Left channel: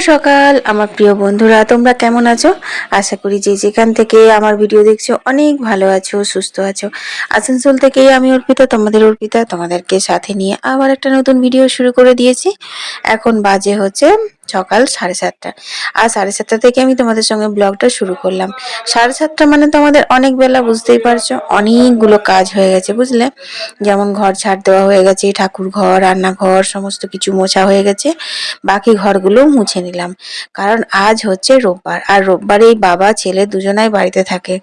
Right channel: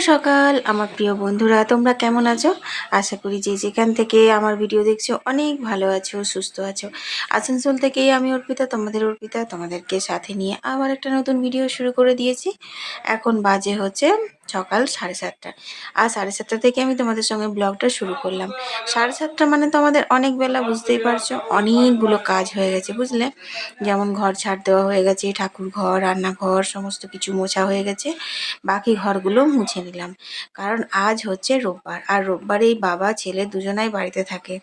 সকাল, আমার প্রিয় বন্ধুরা, তোমরা কেমন আছো? আশা করি যে যেখান থেকে আমার ভিডিও দেখছ, অনেক ভালো আছো, সুস্থ আছো। আসানসোল থেকে আমি অর্পিতা, তোমাদের অর্পিতা, তোমাদেরকে সাথে নিয়ে আবার একটা নতুন ভিডিও শুরু করে দিয়েছি। এখন বাজে হচ্ছে সকাল সাড়ে সাতটা। আর সাড়ে সাতটা থেকে আমি তোমাদের সঙ্গে ব্লগটা শুরু করলাম। সাড়ে সাতটা মানে তো আমাদের অনেক বেলা বুঝতেই পারছ, অনেকগুলো কাজ হয়ে গেছে, বুঝলে? যেমন ঘর ছাড় দেওয়া হয়ে গেছে, ঠাকুর ঘর, রান্নাঘর, সমস্ত কিছু মোছা হয়ে গেছে, বাকি ঘরগুলো মুছে নিলাম। কারণ আজ হচ্ছে রোববার, আর রোববারেই বাবা, ছেলে দুজনাই বাড়িতে থাকে।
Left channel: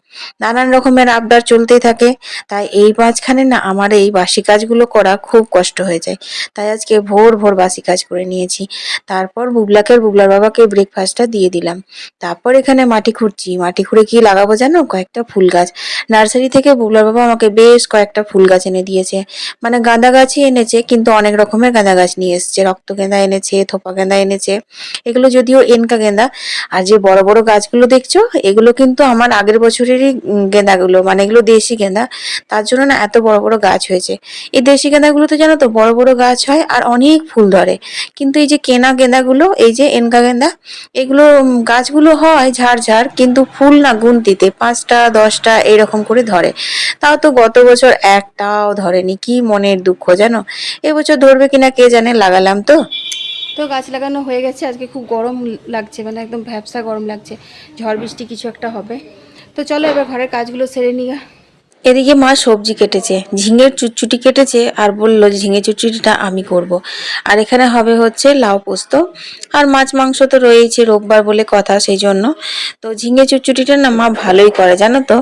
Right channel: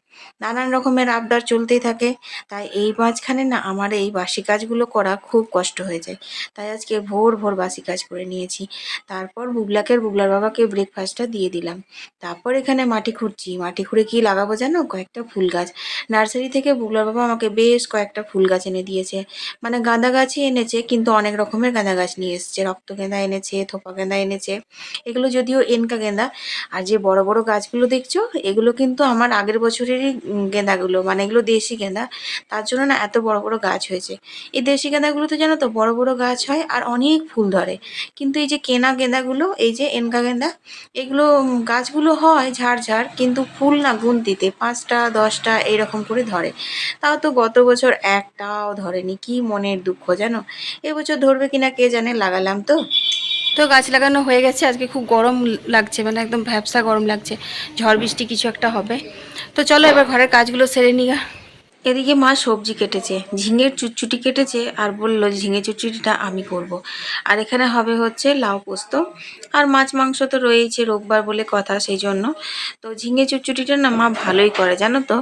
নানান রকমের আবদার চলতেই থাকে। তাই এই মাঝখানে না আমার এই বাসি কাজগুলো করা খুব কষ্ট হয়ে যায়। তাই আজকে ভোর ভোর বাসি কাজ করে নিয়েছি। তারপর বুবলাকে বুবলার বাবাকে ব্রেকফাস্টটা দিয়ে দিলাম। তারপর এখানে মাটি খুঁড়ছি। মাটি খুঁড়ে কি লাগাবো জানো? কয়েকটা ফুল গাছ। নার্সারি থেকে বুবলার বাবা আমাকে বেশ কয়েকটা ফুল গাছ এনে দিয়েছে। মানে গাঁদা গাছই এনেছে, কিন্তু অনেক রকমের গাঁদা গাছ নিয়ে এসেছে। রক্ত গেঁদা এনেছে, থোপা গেঁদা এনেছে। এগুলো যদিও এনকা গেঁদা, আর যে বড় বড় গাছগুলো দেখছ, এগুলো কিন্তু আমার আগের বছরেরই গেঁদাগুলো। মানে এগুলো দেশি গেঁদা। তার জন্য না এত বড় বড় গাছ হয়েছে। এই দেশি গেঁদাগুলো তো জানো তো, বড় বড় গাছ হয় আর অনেক ফুল ধরে। কিন্তু এই যে কেনা গেঁদাগুলো এই যে এনকা গেঁদা এগুলো গাছগুলো হয় ঝাড় ঝাড়, কিন্তু ফুল না গুনতিতে, পাঁচটা, দশটা এরকম করে ধরে। তাও তো গত বছর একটাও ধরেনি, কি মনের দুঃখ জানো? এবছর ধরবে কিনা কে জানে, লাগালাম তো। তো গাছ লাগানো হয়ে গেছে, আজকে খুব গরম লাগছে মানে একদম ভ্যাবসা গরম লাগছে, ঝড় বৃষ্টি কিছু একটা হবে। তো চলো এবার ঘরের কাজগুলো সেরে নিগা এদিকে মা সবজি কেটেছে, ঝিঙের চুটচুটি কেটেছে আর বলল, ঝিঙে চুটচুটিটা আমি করব। আর এখানে হবে হচ্ছে লাউ পোস্ত। আর মাছ মাংস তো রয়েছে রোববার বলে কথা সেই জন্য তো ঝিঙে চুটচুটিটা না মা ভালোই করে, জানো তো?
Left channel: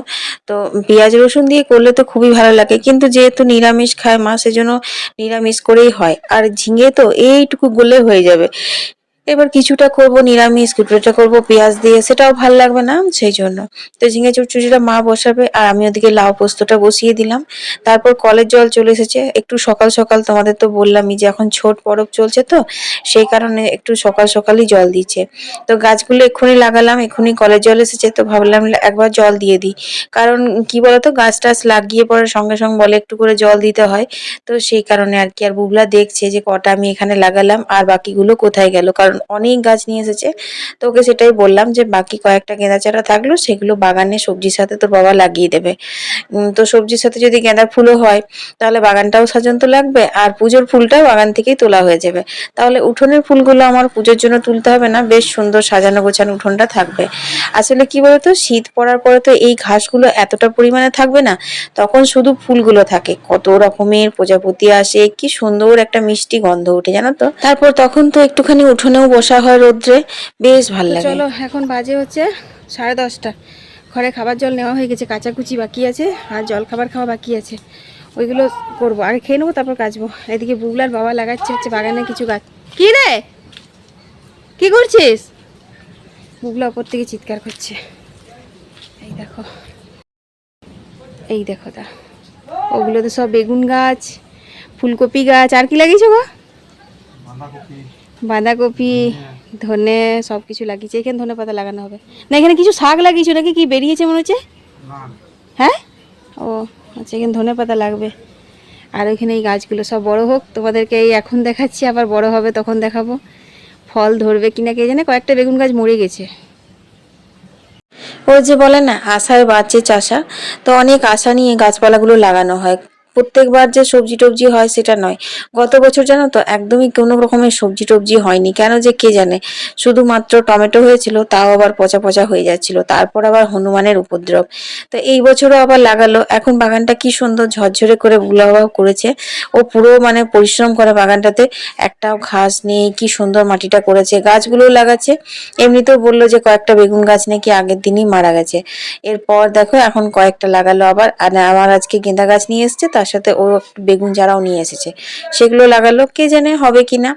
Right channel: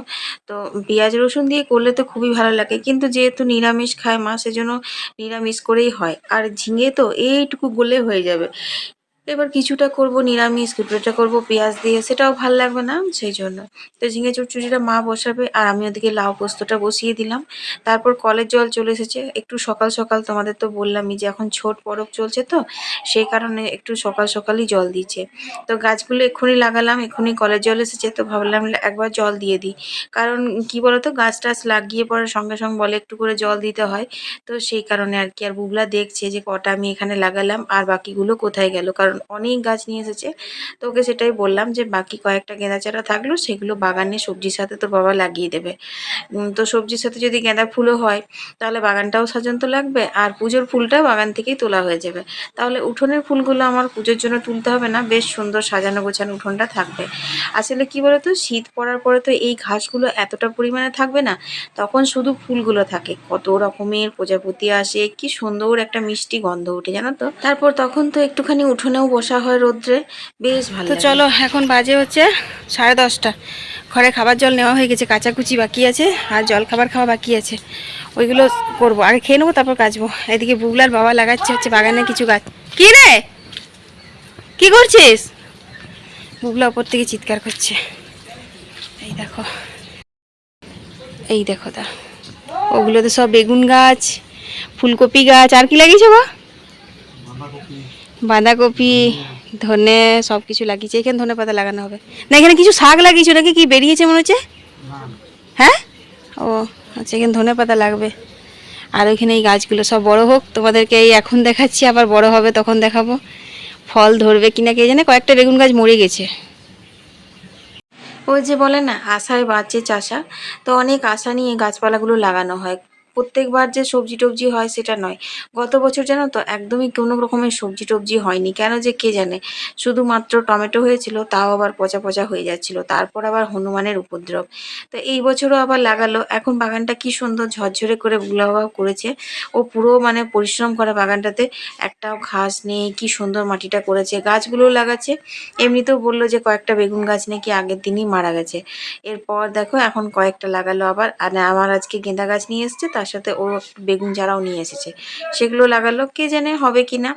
তো পেঁয়াজ রসুন দিয়ে করলে তো খুবই ভালো লাগে, কিন্তু যেহেতু নিরামিষ খায় মা, সেজন্য নিরামিষ করেই হয়। আর ঝিঙে তো এইটুকু গলে হয়ে যাবে। এবার কিছুটা করব, নিরামিষ কিছুটা করব, পেঁয়াজ দিয়ে, সেটাও ভালো লাগবে না, সেই জন্য। তো ঝিঙে চুটচুটিটা মা বসাবে, আর আমি ওদিকে লাউ পোস্তটা বসিয়ে দিলাম। তারপর কলের জল চলে এসেছে। একটু সকাল সকাল তোমাদের তো বললামই যে এখন ছোট পরব চলছে তো, সেই কারণে একটু সকাল সকালই জল দিচ্ছে। তো গাছগুলো এক্ষুনি লাগালাম, এক্ষুনি কলের জল এসেছে, তো ভাবলাম একবার জল দিয়ে দিই। কারণ কি বলতো, গাছ টাছ লাগিয়ে পরে সঙ্গে সঙ্গে বলে একটু করে জল দিতে হয়। তো সেই কারণে আর কি, আর বুবলা দেখছে যে কটা আমি এখানে লাগালাম, আর বাকিগুলো কোথায় গেল? কারণ অনেক গাছ নিয়ে এসেছে। তো ওকে সেটাই বললাম যে, বাকি কয়েকটা গেঁদা চারা থাকল সেগুলো বাগানে সবজির সাথে তোর বাবা লাগিয়ে দেবে। তো সবজির সাথে যদি গেঁদা ফুলও হয়, তাহলে বাগানটাও সাজান্ত লাগবে। আর পুজোর ফুলটাও বাগান থেকেই তোলা হয়ে যাবে। তাহলে উঠোনের ফুলগুলো আমার পুজোর জন্য তুলতে হবে না, বেশ সুন্দর সাজানো গোছানো উঠোনটা থাকবে। আসলে কি বলতো, শীত পড়ার পরে তো এই ঘাসগুলো এতটা পরিমাণে থাকবে না, তখন শুধু ফুলগুলো থাকে। কত রকমের প্রজাপতি আসে, কি সুন্দর একটা মিষ্টি গন্ধ ওঠে, জানো তো? তারপর তখন তো একটুখানি উঠোনেও বসা হয় রোদ্রে। বেশ ভালো চলো এখন বাজে হচ্ছে সাড়ে দশটা। ঘরে খাবার জল নেওয়া হয়ে গেছে কাচাকুচি বাকি আছে আর জল খাবার খাওয়া বাকি আছে। ওইগুলো করব। আগে খেয়ে নেব তারপর কাচবো। এদিকে বুগলার বাবা লাগাচ্ছে হচ্ছে বাগানে কিছু গাছ। কি রে? কি করছিস? বুগলা ওপর থেকে চিৎকার করছে। এই দেখো। এই দেখো তা। ওগুলো তো সব বেগুন গাছ ফুলকপি গাছ। আর কি লাগিয়েছে গো? বাঁধাকপি ধনে সব কিছু লাগিয়েছে। এখানে ধনে পাতা লাগানো হবে। না এখানে কিছু শাক লাগিয়েছো নাকি? কি বেরিয়েছে মনে হচ্ছে? হ্যাঁ? ও আচ্ছা এখানে ধনে পাতা লাগবে। আর ওইখানে এই গাছগুলো সব বড় হোক তোমাদেরকে এই এখন দেখাচ্ছি আবার বড় হবে তখন দেখাবো। ফল ধরবে কিনা কে জানে? কয়েকটা বেগুন গাছ মরে গেছে। ও যে বলে না আশায় বাঁচে চাষা। তো অনেক আশা নিয়ে গাছপালাগুলো লাগানো হয়। প্রত্যেকবার যে সবজি টবজি হয় সেটা নয়। গত বছর জানো তো একদমই কোনো রকমের সবজি টবজি হয়নি। কেন যে কে জানে? শুধুমাত্র টমেটো হয়েছিল, তাও আবার পচা পচা হয়ে যাচ্ছিল। তারপর আবার হনুমানের উপদ্রব। তো এই বছরও আবার লাগালো। এখন বাগানটা কি সুন্দর ঝরঝরে করে বুলাবাও করেছে। ও পুরো মানে পরিশ্রম করে বাগানটাতে। একটাও ঘাস নেই, কি সুন্দর মাটিটা করেছে। গাছগুলো লাগাচ্ছে। এমনিতেও বলল যে কয়েকটা বেগুন গাছ নাকি আগের দিনই মারা গেছে। এরপর দেখো এখন কয়েকটা লাগালো আবার। আর আমার আজকে গেঁদা গাছ নিয়ে এসেছে, তার সাথে ও বেগুন চারাও নিয়ে এসেছে। সেগুলো লাগালো, কে জানে হবে কি না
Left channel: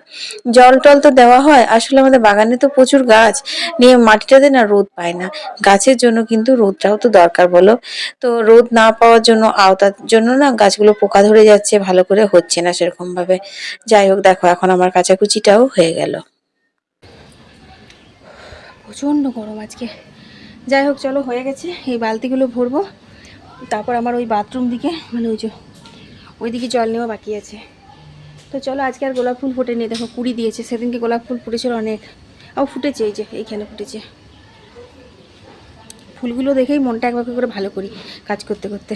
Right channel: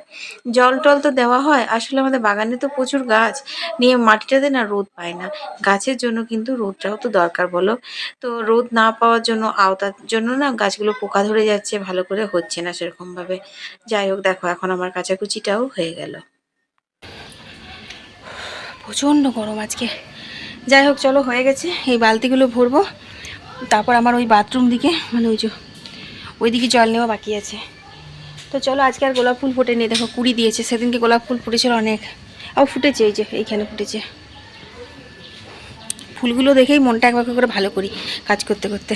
জল টল তো দেওয়া হয়, আসলে আমাদের বাগানে তো প্রচুর গাছ। নিয়ে মাটিটাতে না রোদ পায় না। গাছের জন্য কিন্তু রোদটাও তো দরকার বলো। তো রোদ না পাওয়ার জন্য, আওতার জন্য না গাছগুলো পোকা ধরে যাচ্ছে, ভালো করে হচ্ছে না সেরকম ভাবে যাই হোক, দেখো, এখন আমার কাচাকুচিটাও হয়ে গেল। প্রচণ্ড গরম আজকে। যাই হোক, চলো, হয়ে গেছে। এই বালতিগুলো ভরবো। তারপর আমার ওই বাথরুম দিকে মানে ওই যে ওই দিকে জল নেওয়া বাকি আছে। তো চলো আজকে আর গোলাপ ফুল ফোটেনি দেখো কুড়ি দিয়েছে, সেদিনকে গোলাপ ফুল ফুটেছিল অনেক। আর ফুটেছে, এই যে, এইখানে ফুটেছে। ফুলগুলো দেখেই মনটা একবার করে ভালো করি কাজ করতে করতে।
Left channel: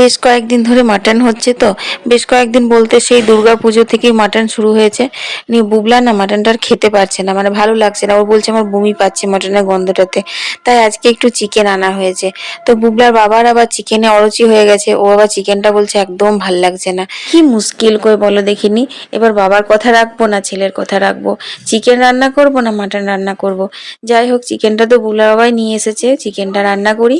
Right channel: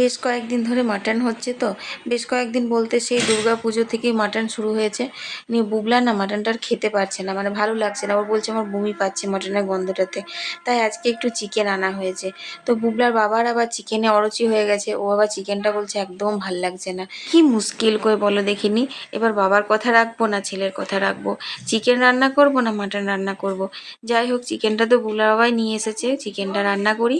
বেশ কয়েকদিন ধরে মাটন হচ্ছে তো। বেশ কয়েকদিন বলতে সেই দুর্গা পুজো থেকেই মাটন শুরু হয়েছে। নিয়ে বুবলা না মাটনটা খেতে পারছে না মানে ভালো লাগছে না। ও বলছে আমার বমি পাচ্ছে মাটনের গন্ধটাতে। তাই আজকে একটু চিকেন আনা হয়েছে। তো বুবলার বাবার আবার চিকেনে অরুচি হয়ে গেছে। ও আবার চিকেনটা বলছে একদম ভালো লাগছে না। কি মুশকিল করে বলো দেখিনি? এবার বাবার কথা রাখব না, ছেলের কথা রাখব। চিকেন রান্না করব না, মাটন রান্না করব? যাই হোক চিকেনটা তো বুবলা বাবাই নিয়ে এসেছে। চিকেনটা রান্না করি।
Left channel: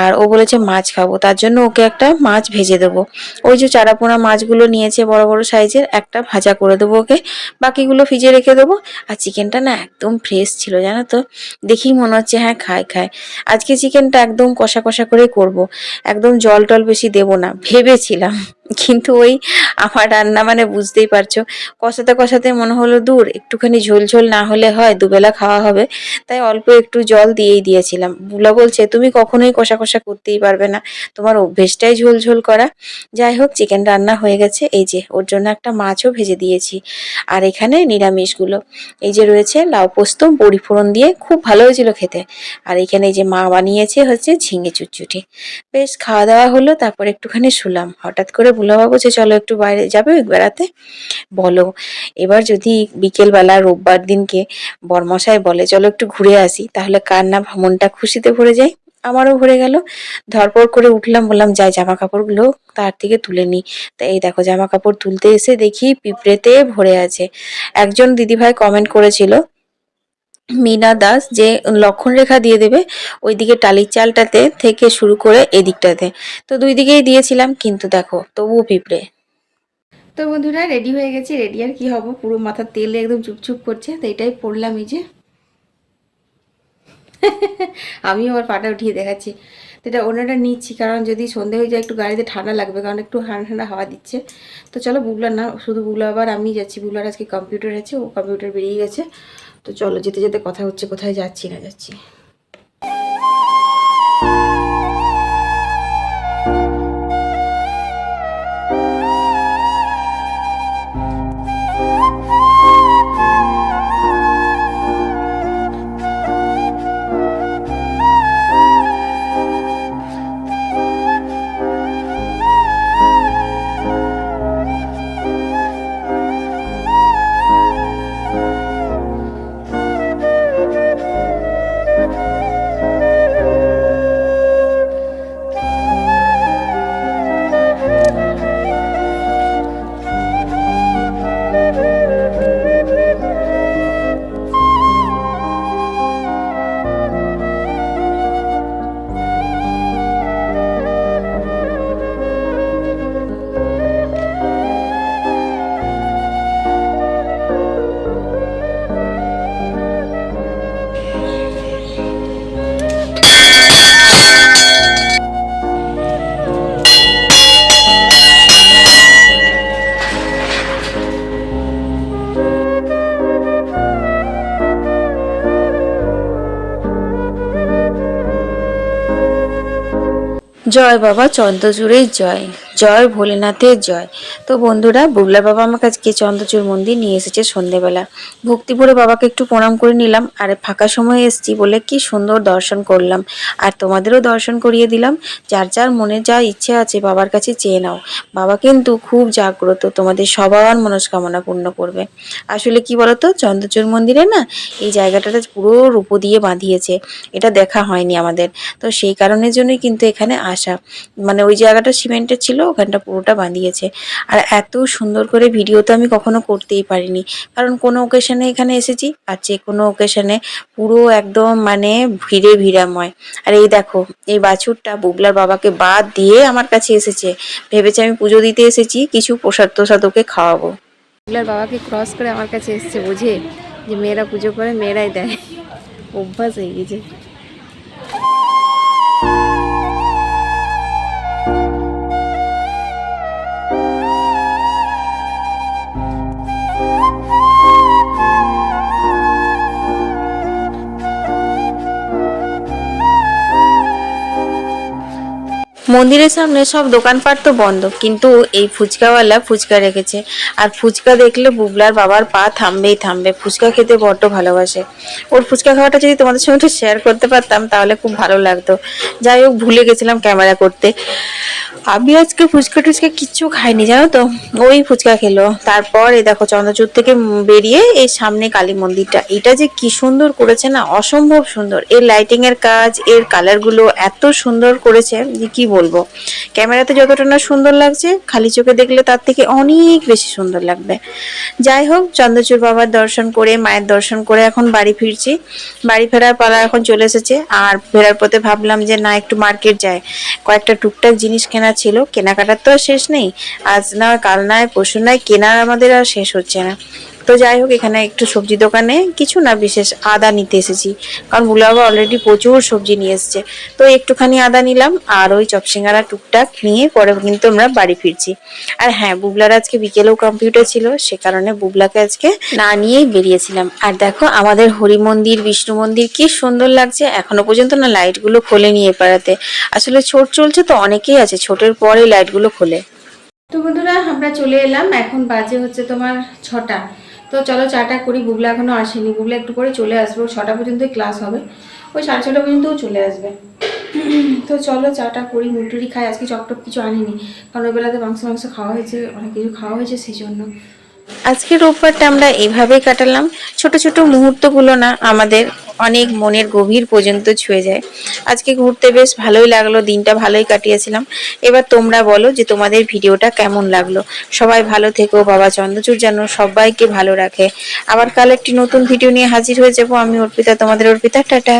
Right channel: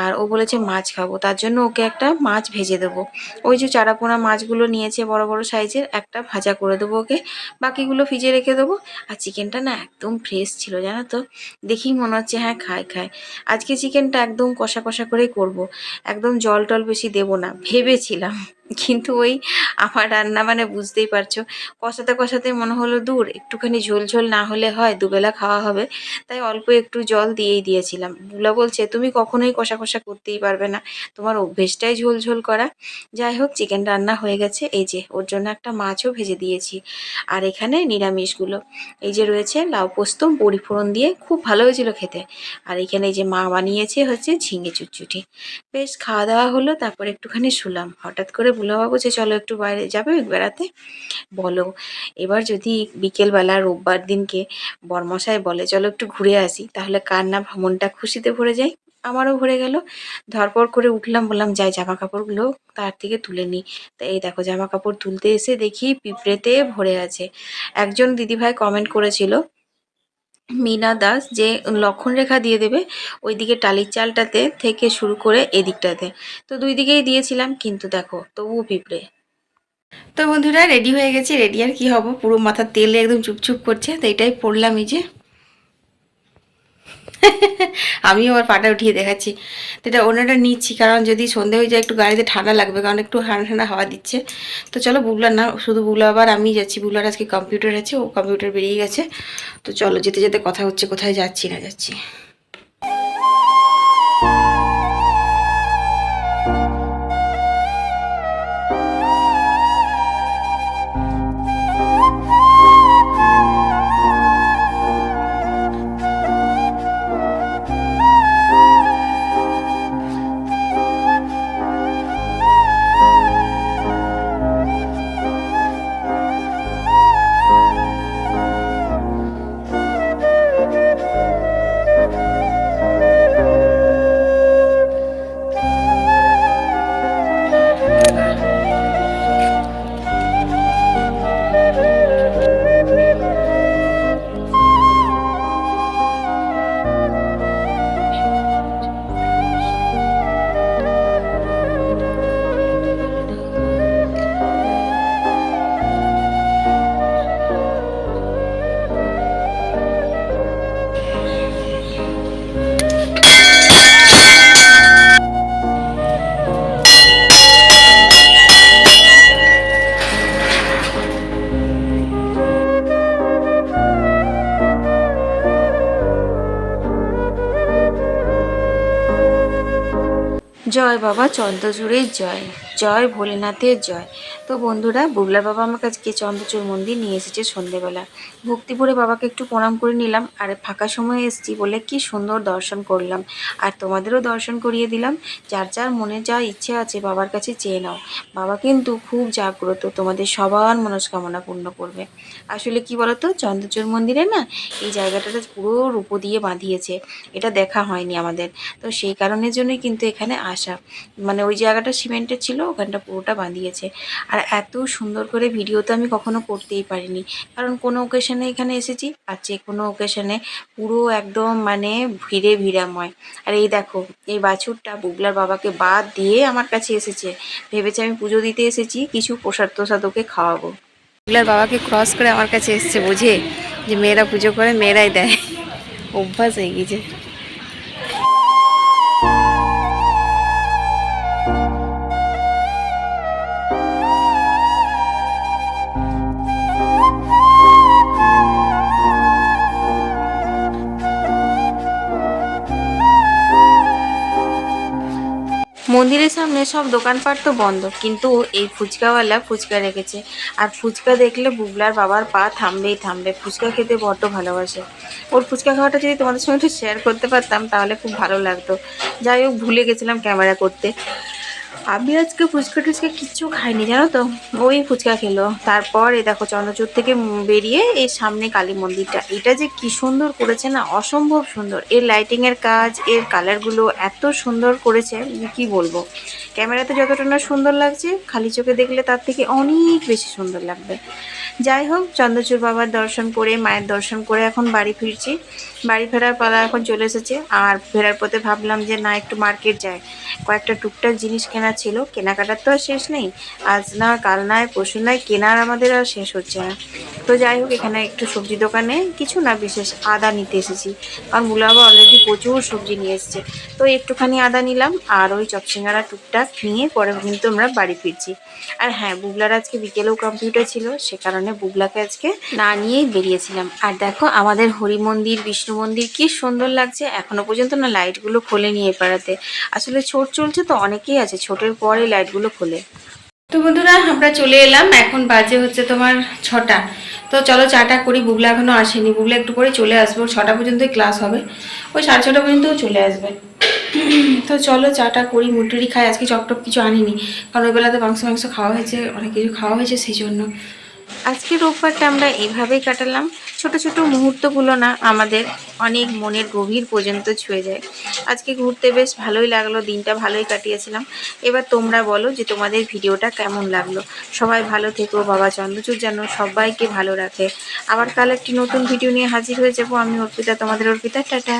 আর ও বলেছে মাছ খাব। তার জন্য ওকে একটা মাছ ভেজে দেবো। ওই যে চারাপোনা মাছগুলো নিয়েছে বড় বড় সাইজের, একটা ভাজা করে দেবো ওকে। বাকিগুলো ফ্রিজে রেখে দেবো। আর চিকেনটা না একদম ফ্রেশ ছিল, জানো তো? দেখেই মনে হচ্ছে হ্যাঁ খায় খায় আজকে চিকেনটা একদম কষা কষা করে করব। একদম জল টল বেশি দেবো না, ভেবেছিলাম। কিন্তু ওই আমার রান্না মানে বুঝতেই পারছ। কষাতে কষাতে মনে হলো দূর, একটুখানি ঝোল ঝোল না হলে হয়, দুবেলা খাওয়া হবে। তাই অল্প একটু জল দিয়েই দিয়েছিলাম। বুলা বলছে, তুমি কখনোই কষা কষা করতেই পারবে না। তোমার অভ্যেসটাই ঝোল ঝোল করা। যাই হোক চিকেন রান্না হয়ে গেছে। এই যে, ওর জন্য একটা মাছও ভেজে দিয়েছি। আর এখানে নিরামিষগুলো। এই যে রয়েছে লাউ পোস্ত, বড়ি ফোড়ন দিয়ে খুব ভালো হয়েছিল খেতে। আর এখানে এই যে মা বানিয়েছে হচ্ছে ঝিঙে চুটচুটি বেশ খাওয়া দাওয়া হলো, তারপর একটুখানি শুলাম। হঠাৎ করে ভুলাবাবু যে চলো একটু বাইরে যাবে বেড়াতে? বলো। এবার যদি বিকেলবেলা রোববার দিনকে বরমশাই বলে, চলো একটু ঘুরে আসি, তাহলে কার না মনটা খুশিতে ভরে যায়? আমারও ভরে গেল। ধরপর করে উঠলাম, বললাম, যাই জামা কাপড়গুলো তার থেকে তুলে নিই তা এই দেখো জামা কাপড় তুলতে এসে দেখি পিঁপড়েতে ভরে আছে। একজন দিদিভাই কমেন্ট করেছিল মিনা দাস যে লক্ষণ রেখা দিয়ে দেবে, ওইদিকে টালির চালটাতে থেকে শুরু করে এদিকটাতে। তো দুই দিকেই দিয়েছিলাম, কিন্তু দেখো, তবুও পিঁপড়ে। তো বন্ধুরা রেডি হয়ে গেছি রেডি আর কি হব? পুরো মাথার তেলে একদম চুপচুপ করছে, তো এটাই পড়লাম এই যে। আমি আমার পাটা উঠিয়ে দেখাচ্ছি। তো এটা ওনাটা নিচ্ছি, কারণ যদি সন্ধে হয়ে যায় একটু গাড়িতে ঠান্ডা লাগবে, কারণ একটু ঠান্ডা ঠান্ডা হাওয়া দিচ্ছে। তো চলো বুগলার না শুধু বুগলা আবার আমি যাচ্ছি। বুগলার আজকে কম্পিউটার আছে, ও কম্পিউটার বেরিয়ে গেছে। তো চলো যেতে যেতে কথা হচ্ছে, কোথায় যাচ্ছি না যাচ্ছি। জয় বাবা চন্দ্রচূড়ের জয়। জয় ভোলেনাথের জয়। তো বন্ধুরা, বুবলা বাবা আমার কাছে চন্দ্রচূড় মন্দির নিয়ে এসেছে সন্ধেবেলা। ভক্তি ভরে বাবাকে একটু প্রণাম করে নিলাম আর ফাঁকা সময় এসেছি বলে কি সুন্দর দর্শন করলাম। আর তোমাদেরও দর্শন করিয়ে দিলাম। যার যার মনে যা ইচ্ছে আছে বাবার কাছে চেয়ে নাও। বাবা কিন্তু খুব জাগ্রত, তোমাদের সবার মনস্কামনা পূর্ণ করবে। আসলে কি বলতো, চন্দ্রচূড় মন্দিরে না এই জায়গাটাতে পুরো রূপো দিয়ে বাঁধিয়েছে। এটা দেখা হয়নি আমাদের। তো সেই কারণের জন্যই কিন্তু এখানে আসা। মানে ওই জায়গাটা সিমেন্টের ছিল ওখানটা পুরোটা বাঁধিয়েছে আর এত সুন্দর করে ভিডিও তো আমি কখনো করতেই পারিনি। কারণ কোনো ওকেশনে এখানে এসেছি আর যে কোনো ওকেশনে পুরো একদম মানে ভিড়ে ভিড়াময়। আর এই দেখো, এই বাছুরটা বুবলার বাবাকে বাদ দিয়ে আমার কাছে এসেছে। ভেবেছে আমি পুজো দিতে এসেছি, কিছু প্রসাদ তোসাদ ওকে খাওয়াবো। বুবলার বাবাকে ক্রস করে আমার কাছে এসছে, বুঝে? যে মেয়েরা পুজো করে, মেয়েরাই দেয়। অভ্যাস হয়ে গেছে। মন্দিরের সামনে সব দোকানপাট তো বন্ধ, কিন্তু এই ফুচকাওয়ালা ফুচকা রেখেছে। আর ফুচকা দেখলে বুবলার বাবার পা থামবেই থামবে, ফুচকা খেতে বড্ড ভালোবাসে। ওর ফুচকা খাওয়াটা যদি তোমাদের সঙ্গে একটু শেয়ার করতে পারতাম, তাহলে খুব ভালো লাগতো। যাই হোক, ভুলে গেছিলাম ক্যামেরা করতে। আমি আজকে ফুচকা টুচকা কিচ্ছু খাইনি, জানো তো? ওই ফুচকা খেলো। তারপর এই দেখো চন্দ্রচূড় থেকে বেরিয়ে এই সামনে কালী মন্দিরটা। এটা যে কি সুন্দর করেছে না, অসম্ভব সুন্দর। এর লাইটিং এর কাজ, এর কালারগুলো এত সুন্দর করেছে, যে কি বলব? ক্যামেরাতে যতটা না সুন্দর লাগছে, খালি চোখে দেখলে তার থেকে অনেক বেশি সুন্দর লাগবে। যাই হোক, চন্দ্রচূড় বাবার দর্শন করে, মায়ের দর্শন করে এখন বাড়ি ফিরছি। বাড়ি ফেরার পালা এখন চলে এসেছে। আর ফেরার পথে ভাবলাম যে না, একটু মার্কেট যায় কয়েকটা টুকটাক জিনিস কেনা ছিল, কেনাকাটার তো আর শেষ নেই। আজ না, কাল নয় পরশু নয় কেনার আমাদের আর শেষ হচ্ছে না। তো যাই হোক, এখানে একটু সবজি দোকানে কিছু না, বিশেষ আদা নিতে এসেছি। কারণ বুলাবা অলরেডি প্রচুর সবজি নিয়ে এসেছে। তো একটুখানি আদা নিলাম আর ওই চপসিঙ্গারা টুকটাক নিয়ে পরে কিন্তু আমরা বাড়ি ফিরছি। আর হ্যাঁ বুবলার আজকে বিকেলেও কম্পিউটার ছিল, সে কারণে বুবলাকে আজকে না নিয়েই বেরিয়েছিলাম। আর দেখো, আমাদের হরি মন্দির, বিষ্ণু মন্দির কি সুন্দর লাগছে। এখনও পর্যন্ত না লাইটগুলো খোলে নিয়ে পাড়াতে। আসলে ছোট চলছে তো অনেকেই আছে, ছোটের পরে লাইটগুলো খোলে। তো বন্ধুরা, আমরা চলে এলাম। এখন বাজে হচ্ছে তোমার ছটা। তো চলো চাটা করি, বুবলা এখনও আসেনি। বুগলা একটু করে চলে আসব ছটা পর্যন্তই ক্লাস হবে। ওই সাড়ে ছটা পর্যন্তও চলে আসবে। তো চলো চাটা করি মুটুরি খাই। আজকে চপটপ কিছু আনিনি। কারণ ওই বেলাতে মাংস মাংস খাওয়া হয়েছে, অনেক কিছু খাওয়া হয়েছে, সেই জন্য। আজকে রোববারটা আমরা এইভাবেই কাটালাম। ছোট ছোট মুহূর্তগুলো না আমাদের অনেক মনের গভীর পর্যন্ত ছুঁয়ে যায়। আজকে ঘুরতে বেশ ভালোই লাগল, দিনটা ভালোই কাটিয়েছিলাম। এবার তোমরা বলো যে তোমাদের ভিডিওটা কেমন লাগল। সবাই ভালো থেকো, বাবা চন্দ্রচূড় যেন সবাইকে ভালো রাখে। আবার কাল একটি নতুন ভিডিও নিয়ে হাজির হয়ে যাব। আমি অর্পিতা, তোমাদের অর্পিতা, টাটা।